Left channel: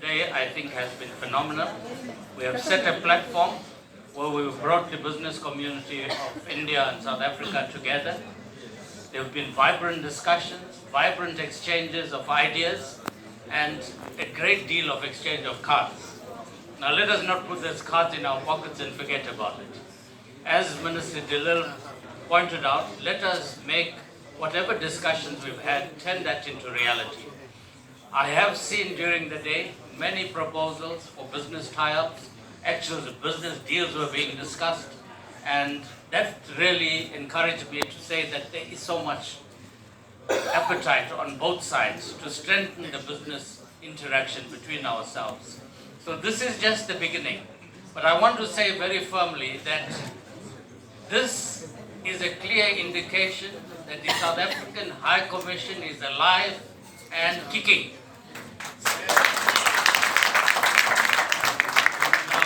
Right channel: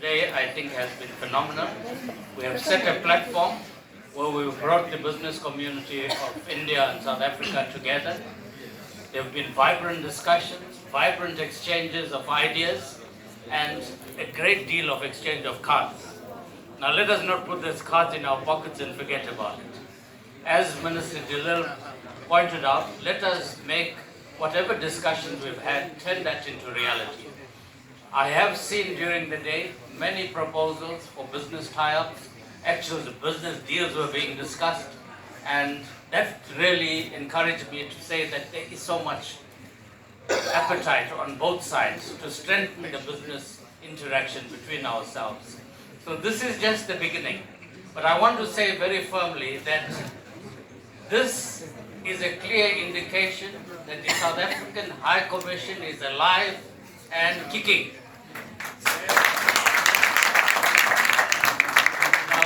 Today, I think, has been phenomenal. We have set a platform where we've brought the business community of India and South Africa together. There have been vibrant discussions, vibrant exchanges of ideas, and a great deal of exchange of cards. Now, let us not put those cards in our pockets and forget about it. As Minister Dillil pointed out, let us make whatever discussions we've had, turn that into reality. I have seen during the day many proposals for business tie-ups. Actually, the business deals were being discussed, and that really encouraged me to say that there is so much appetite on both sides to strengthen the business interaction between ourselves. So this is just the beginning. But I want to say very firmly that this is a clear indication that the South African High Commission is alive and kicking. Now,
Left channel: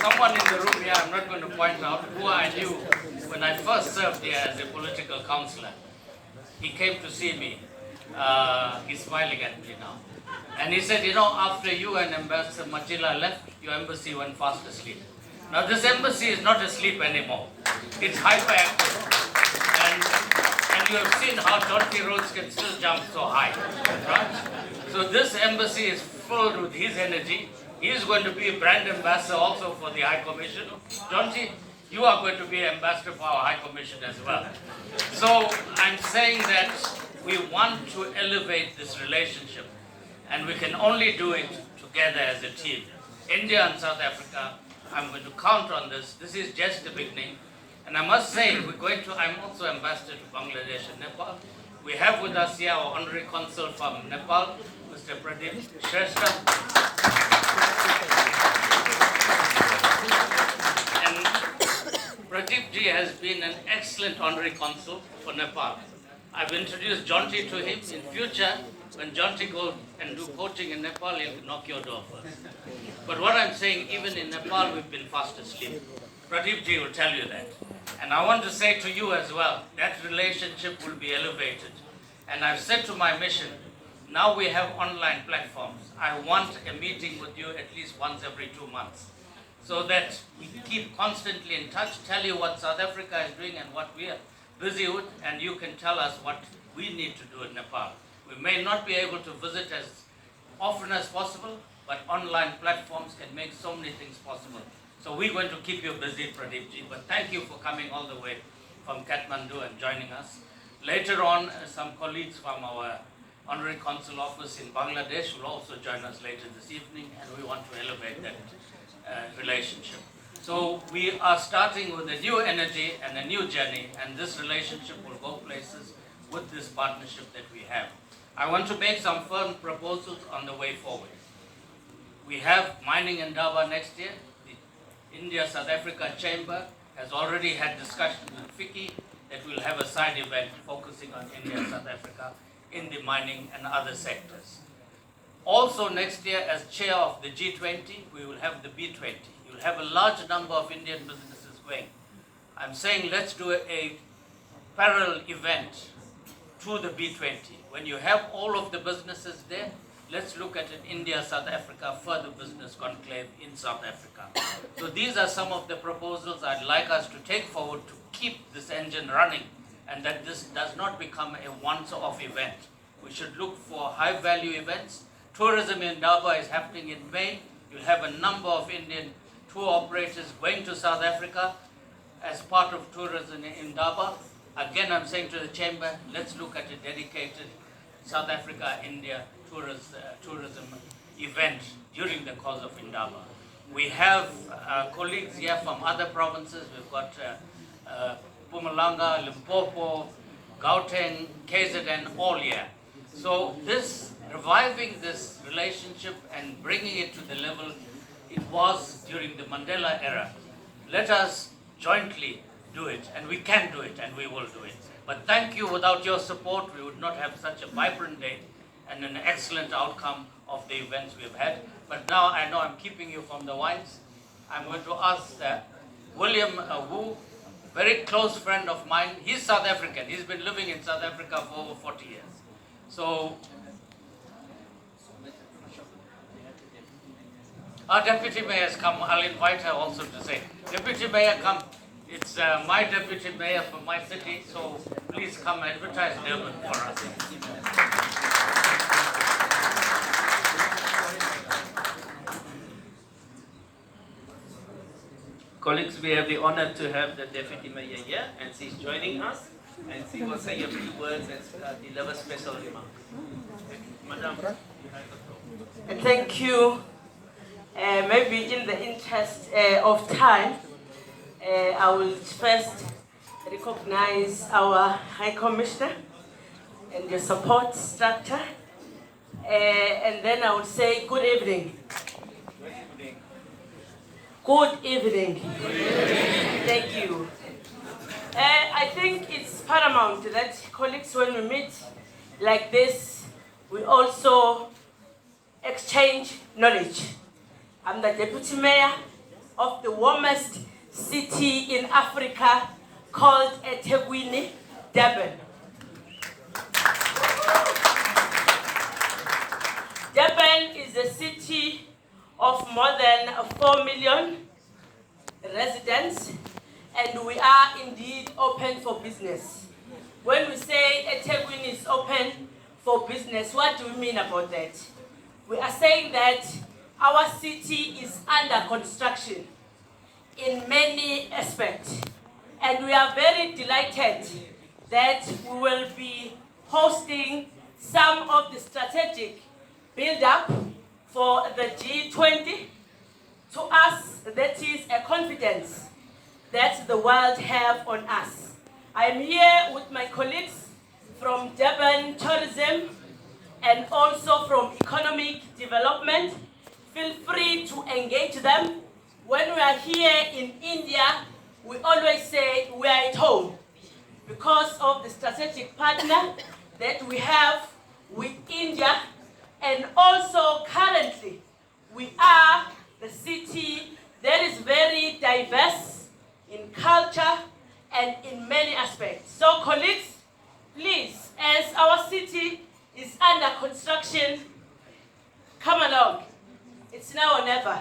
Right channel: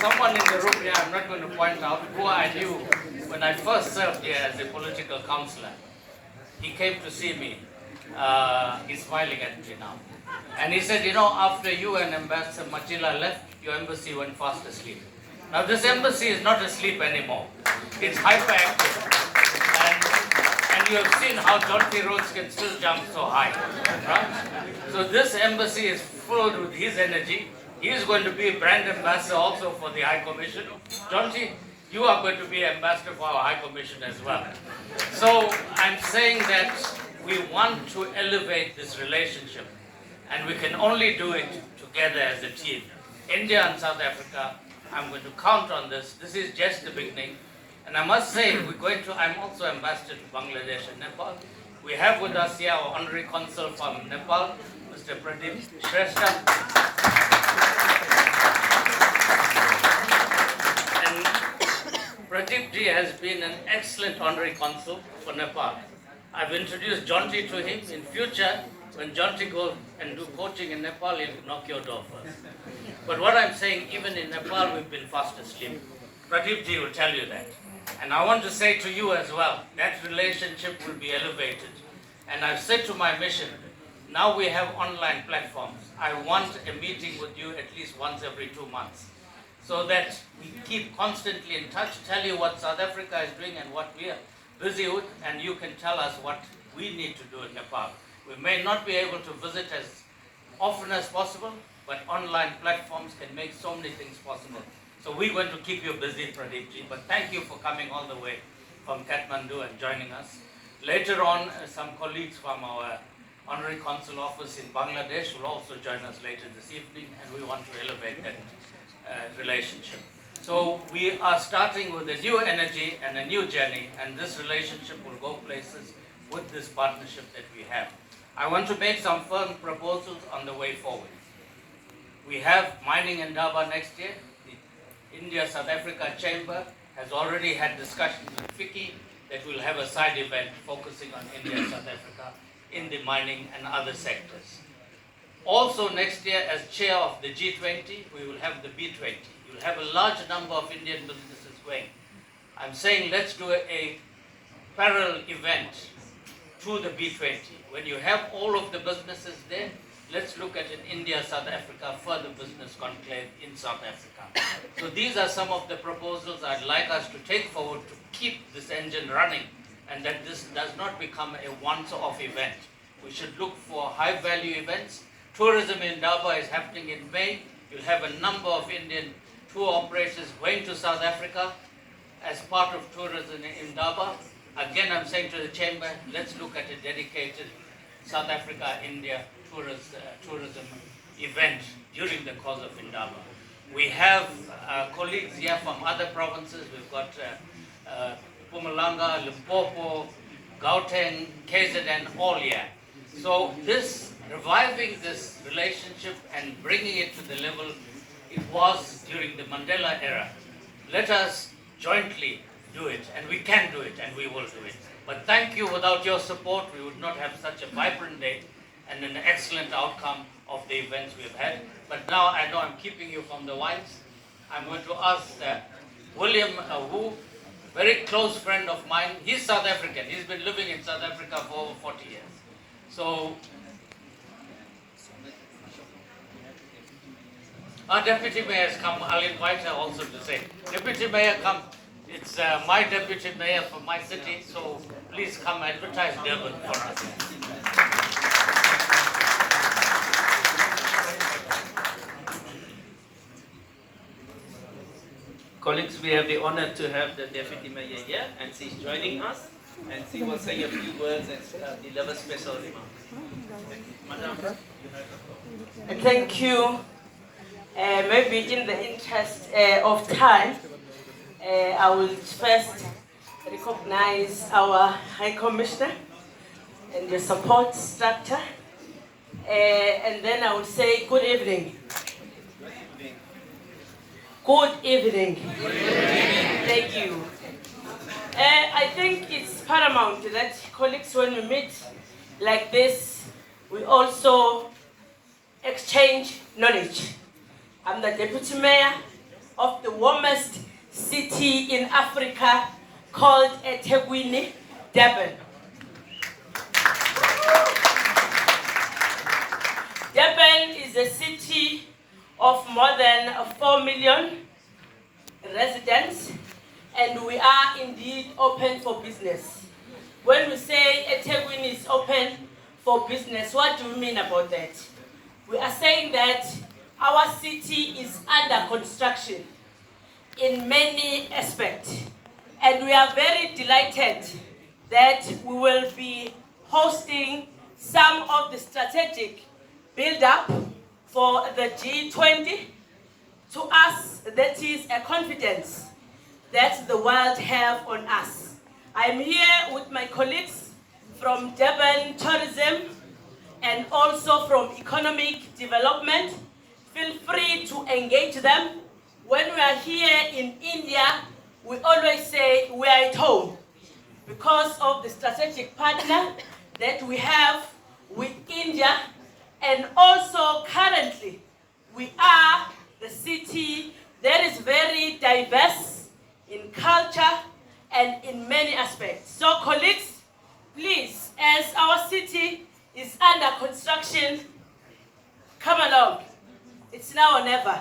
someone in the room here, I'm not going to point out, who I knew when I first served here as a political councillor. He came to see me. He's smiling at me now. And he said, you know, after you and Ambassador Machila left, your embassy went fast asleep. Now this embassy is not asleep anymore. It's hyperactive. And you have seen how Jonty Rhodes can still jump so high. Right? So this embassy is filled with his energy. He is going to be brand ambassador also for the High Commission. Jonty, you are going to be ambassador for our High Commission as well. So I'm saying that we want to elevate this relationship, and we can only do it together as a team. India and South Africa, I'm going to count on this. This is just the beginning. And I must say, I'm also ambassador to Bangladesh and Nepal. We have with us here our honorary consul from Nepal, Mr. Pradeep Shrestha. And Pradeep ji has been an excellent honorary consul for Nepal. I've introduced Jonty to him. In future, when Jonty goes and do coaching in Nepal, he'll knock your door first. But what I'm saying, even in Nepal, we've been fast asleep. Pradeep ji will tell you that. And I want to say to you as well, that relationship will be elevated. And I've said to my mission, now we have online platforms. I want a meeting with you at least once every 2 months, so that we keep constantly in touch, tell you what South Africa is doing and what we are busy with, and you can tell us what we need to do in Nepal. We may not be able to visit as often as possible, but online platforms can make so many things possible. So we're going to keep you busy, Pradeep ji, but thank you for coming all the way from Kathmandu and joining us. Later on, some colleagues from our Honorary Consul Office in Bangladesh will also join us later this evening, and we want to elevate that relationship. So we are starting with a new energy and a new journey, and this relationship will go places with this partnership that we have. I want to make some firm proposals on the way forward. We have mining in Daba next year. The India-South Africa Chamber has already had discussions with FICCI that we'll have a side event focusing on India and South Africa in the mining and other sectors. Also next year, as chair of the G20, we will have the B20. You'll have a large number of Indian businesses going. I'm saying let's do a parallel event through the B20. When you have all of the businesses there, let's look at an India-South Africa further business conclave in South Africa. So these are some of the proposals I'd like us to take forward to keep this engine running, and that this does not become a once-off event. We should look for high-value events. Tourism in Daba is happening in May. You'll have a number of Indian tour operators going to South Africa as part of tourism in Daba. Again, I'm saying to the Chamber, let's look at a dedicated South Africa-India tourism event during the course of Indaba. We have colleagues here from other provinces. We've got Mpumalanga, Limpopo, Gauteng, KZN, all here. So reviving this relationship and bringing it to the level it was during the Mandela era. Let us jointly do it, and we can do it, and we will do it. But thank you. Without your support, we would not have such a vibrant day and an excellent outcome of the events we've had. But now I know I'm keeping you from the wines. I'm going to ask William Wu, very close friend of mine. He's South African. He's been living in South Africa for over 40 years. So Our deputy mayor has come. I'll invite her also to say. Deputy mayor, come. It's my deputy mayor for my city, so please come advertise Durban for us. Colleagues, we have the honor to have the Deputy Mayor here, and she's joining us, and she will say a few words and deliver special remarks. Madam, you have the floor. Thank you. Maybe in the interest of time, I will first recognize our High Commissioner and your support structure, and then I will say good evening. Good evening. Good evening. Thank you. I think it's paramount that colleagues, when we meet like this, we also exchange knowledge. I'm the Deputy Mayor of the warmest city in Africa called eThekwini, Durban. Durban is a city of more than 4 million residents, and we are indeed open for business. When we say eThekwini is open for business, what do we mean about that? We are saying that our city is under construction in many aspects, and we are very delighted that we will be hosting some of the strategic build-up for the G20. To us, that is a confidence that the world have on us. I am here with my colleagues from Durban Tourism and also from Economic Development. Feel free to engage them. When we are here in India, we always say we are at home because of the strategic partner that we have with India. And also currently, we are the city that is very diverse in culture and in many aspects. So colleagues, please, as our city is under construction, come along. It's now or never,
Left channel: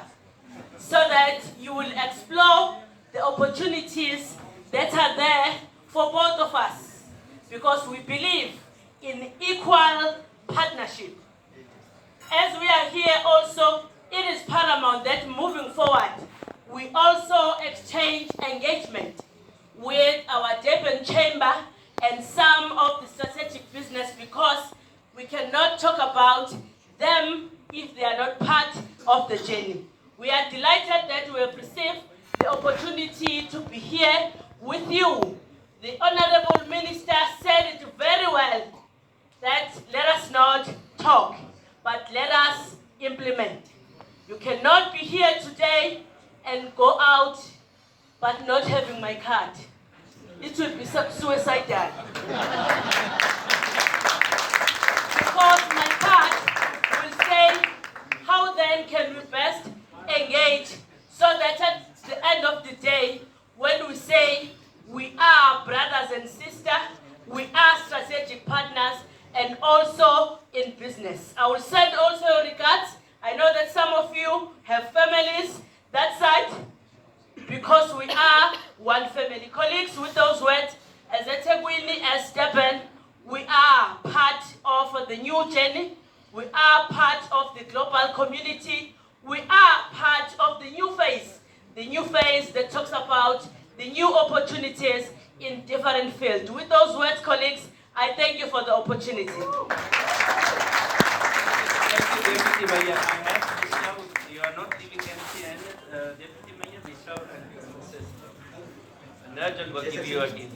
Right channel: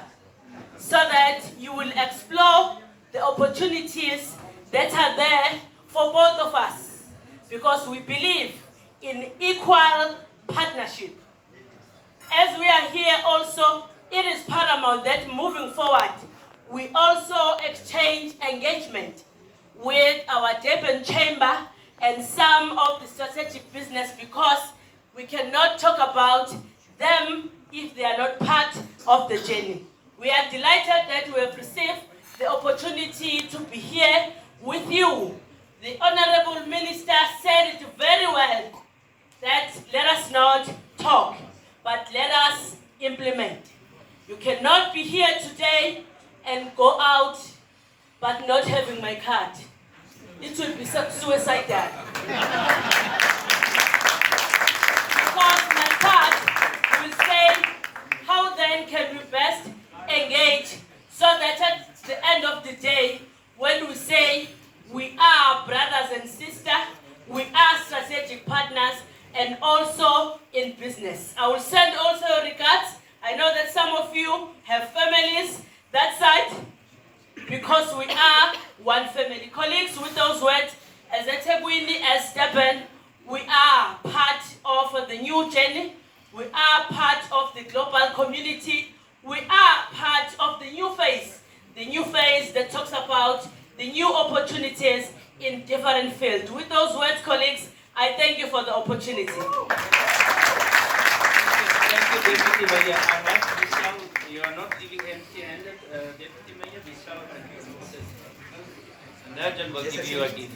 so that you will explore the opportunities that are there for both of us, because we believe in equal partnership. As we are here also, it is paramount that moving forward, we also exchange engagement with our Durban Chamber and some of the strategic business, because we cannot talk about them if they are not part of the journey. We are delighted that we have received the opportunity to be here with you. The Honorable Minister said it very well, that let us not talk, but let us implement. You cannot be here today and go out but not having my card. It will be suicidal. Because my card will say, how then can we best engage, so that at the end of the day, when we say we are brothers and sisters, we are strategic partners, and also in business. I will send also regards. I know that some of you have families that side, because we are one family. Colleagues, with those words, as eThekwini, as Durban, we are part of the new journey. We are part of the global community. We are part of the new phase that talks about the new opportunities in different fields. With those words, colleagues, I thank you for the opportunity. Thank you, Deputy Mayor. You are not leaving empty-handed, Deputy Mayor. Vishal and Mrs. And Narjan will give you a gift.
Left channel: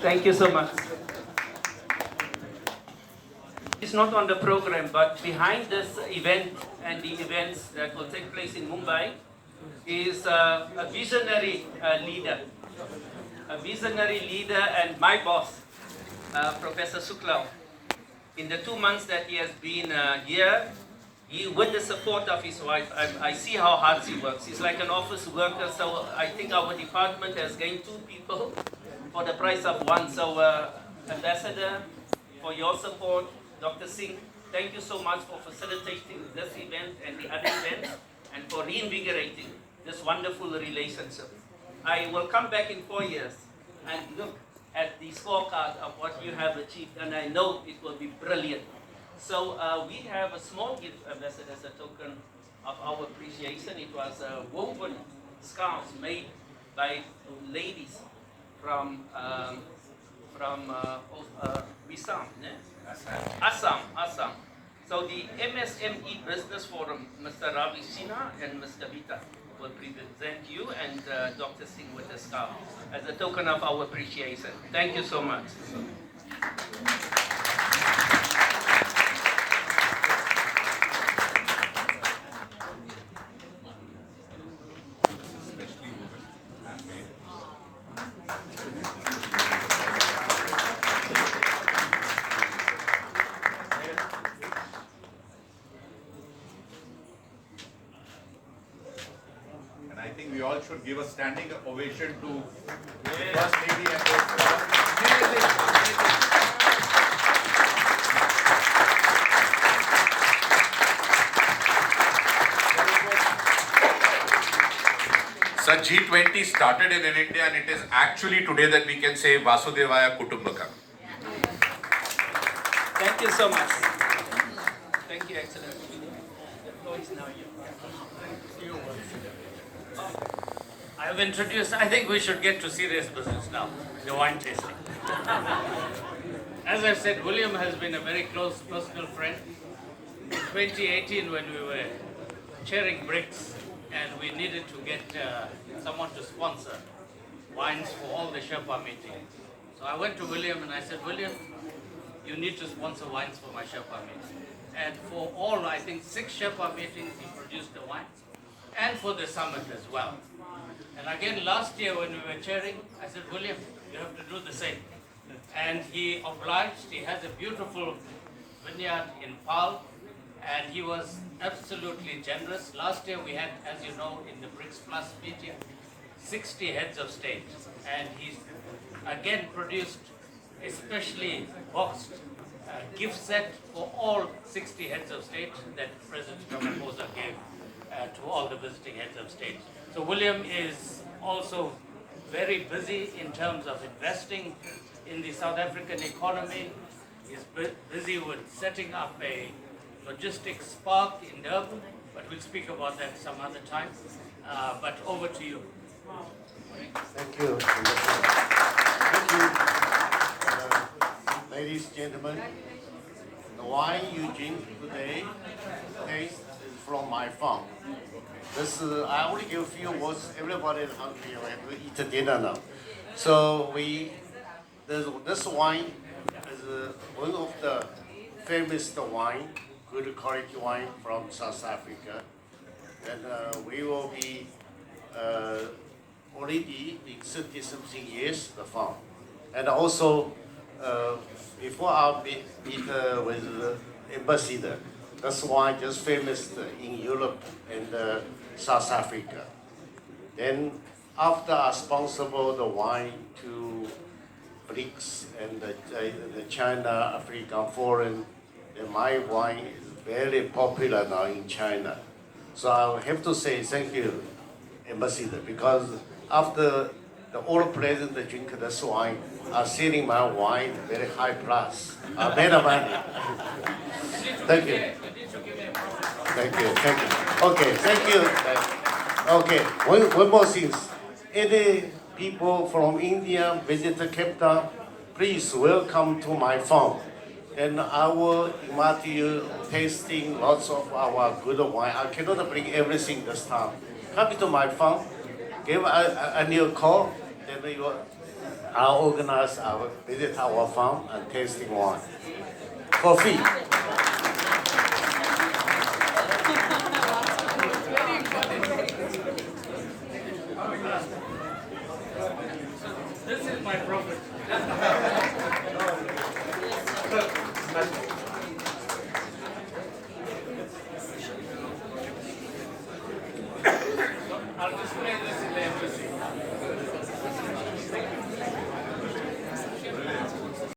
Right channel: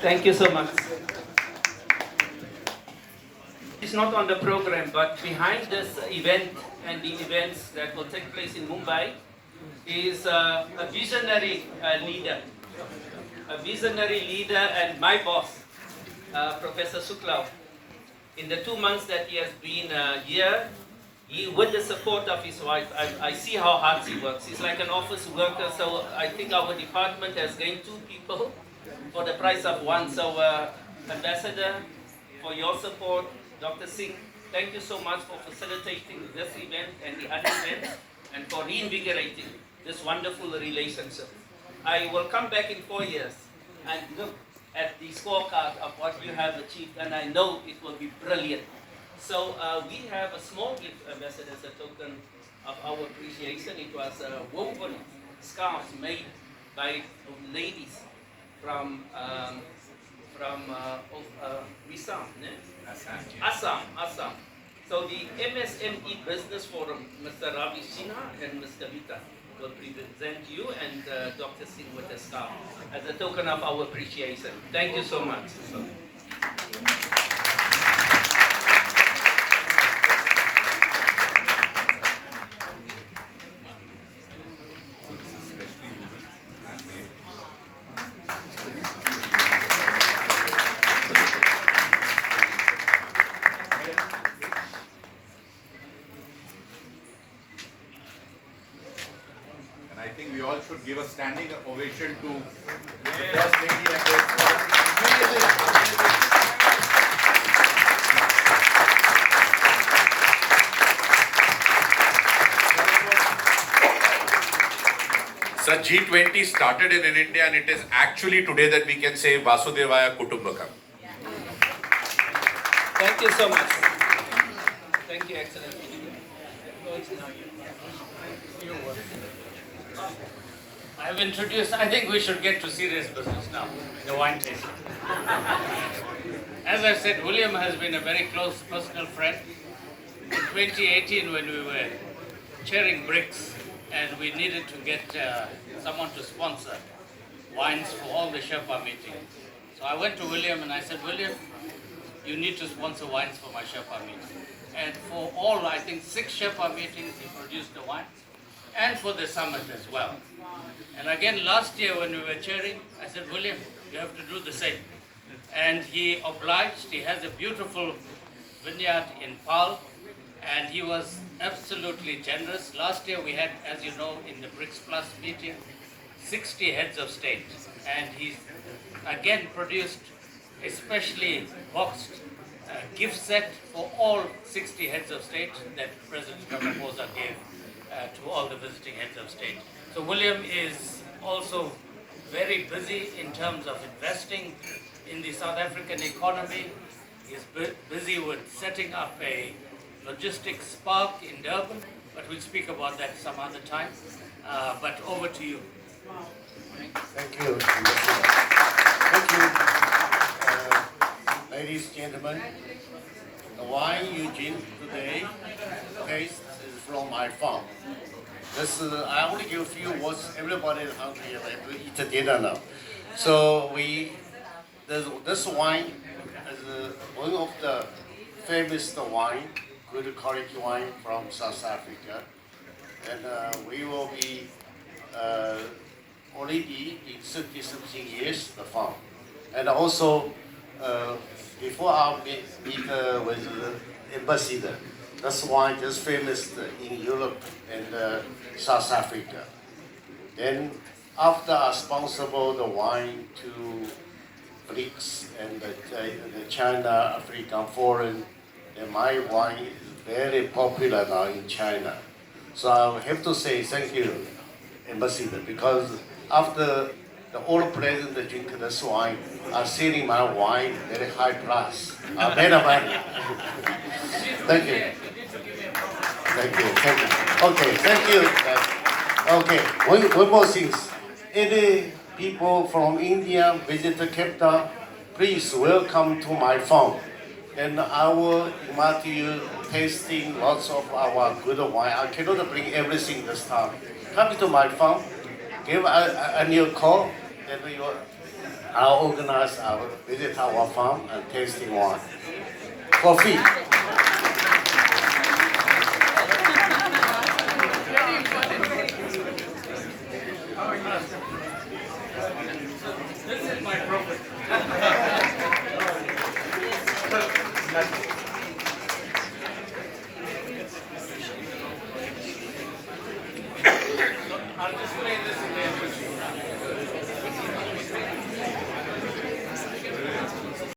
Thank you so much. It's not on the program, but behind this event and the events that will take place in Mumbai is a visionary leader. A visionary leader and my boss, Professor Suklav. In the 2 months that he has been here, with the support of his wife, I see how hard he works. He's like an office worker, so I think our department has gained 2 people for the price of 1. So Ambassador, for your support. Dr. Singh, thank you so much for facilitating this event and the other events and for reinvigorating this wonderful relationship. I will come back in 4 years and look at the scorecard of what you have achieved, and I know it will be brilliant. So we have a small gift, Ambassador, as a token of our appreciation. It was woven scarves made by ladies from Assam, Assam. So the MSME Business Forum, Mr. Ravi Sinha and Mr. Vita will present you and Dr. Singh with the scarf as a token of our appreciation. Thank you so much. And I think we all should give a standing ovation to the First Lady and those amazing, amazing. So G20 started in India, and it is actually today that we can say Vasudevaya Kutumbakam. Thank you so much. Thank you, Excellency. I've introduced, I think we should get to serious business now, the wine tasting. As I said, William has been a very close personal friend. In 2018, when we were chairing BRICS and we needed to get someone to sponsor wines for all the Sherpa meetings. So I went to William and I said, William, you need to sponsor wines for my Sherpa meeting. And for all, I think 6 Sherpa meetings, he produced the wine, and for the summit as well. And again, last year when we were chairing, I said, William, you have to do the same. And he obliged. He has a beautiful vineyard in Paarl, and he was absolutely generous. Last year we had, as you know, in the BRICS Plus meeting, 60 heads of state. And he's again produced a specially boxed gift set for all 60 heads of state that President Ramaphosa gave to all the visiting heads of state. So William is also very busy in terms of investing in the South African economy. He's busy with setting up a logistics park in Durban, but we'll speak about that some other time. But over to you. Thank you. Thank you, ladies and gentlemen. The wine you drink today taste is from my farm. This I only give a few words. Everybody is hungry. We eat dinner now. So this wine is one of the famous wine, good quality wine from South Africa, and we will be already in 30-something years the farm, and also before I meet with the ambassador, this wine is famous in Europe and South Africa. Then after I sponsored the wine to BRICS and the China African Forum, then my wine is very popular now in China. So I have to say thank you, ambassador, because after the old president drink this wine, I'm selling my wine very high price. Better money. Thank you. Thank you. Thank you. Okay, thank you. Okay, one more thing. Any people from India visit Cape, please welcome to my farm. And I will invite you tasting lots of our good wine. I cannot bring everything this time. Come to my farm, give a new call, and I'll organize our visit our farm and tasting wine. Coffee. This is my prophet.